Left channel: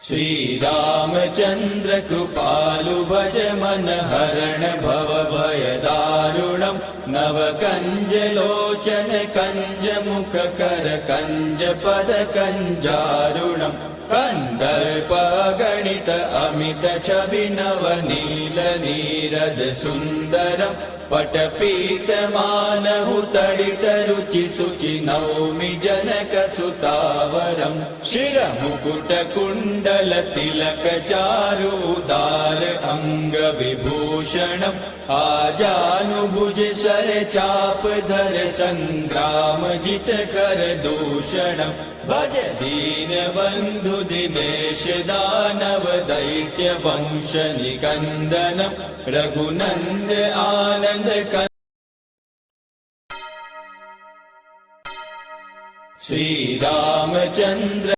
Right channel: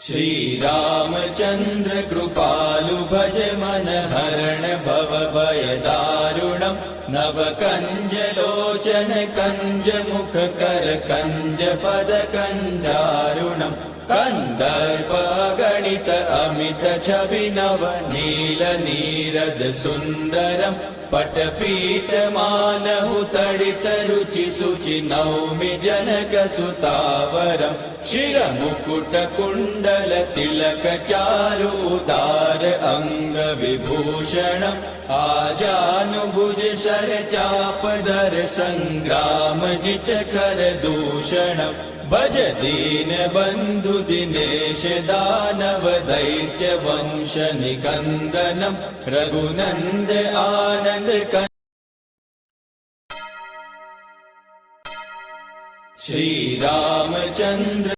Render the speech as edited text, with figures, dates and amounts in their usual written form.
श्रीरामचन्द्र कृपालु भज मन हरण भव भय दारुणम् नव कंज लोचन कंज मुख कर कंज पद कंजारुणम् कंदर्प गणित अमित छवि नव नील नीरद सुंदरम् पटपीठ मानहु तडित रुचि सुचि नौमि जनक सुतावरम् शिर मुकुट कुण्डल तिलक चारु उदार अंग विभूषणम् आजानुभुज सर चाप दर संग्राम जित कर दूषणम् भज दीन बंधु दिनेश दानव दैत्य वंश निकंदनम् रघुनंद आनंद श्री रामचंद्र।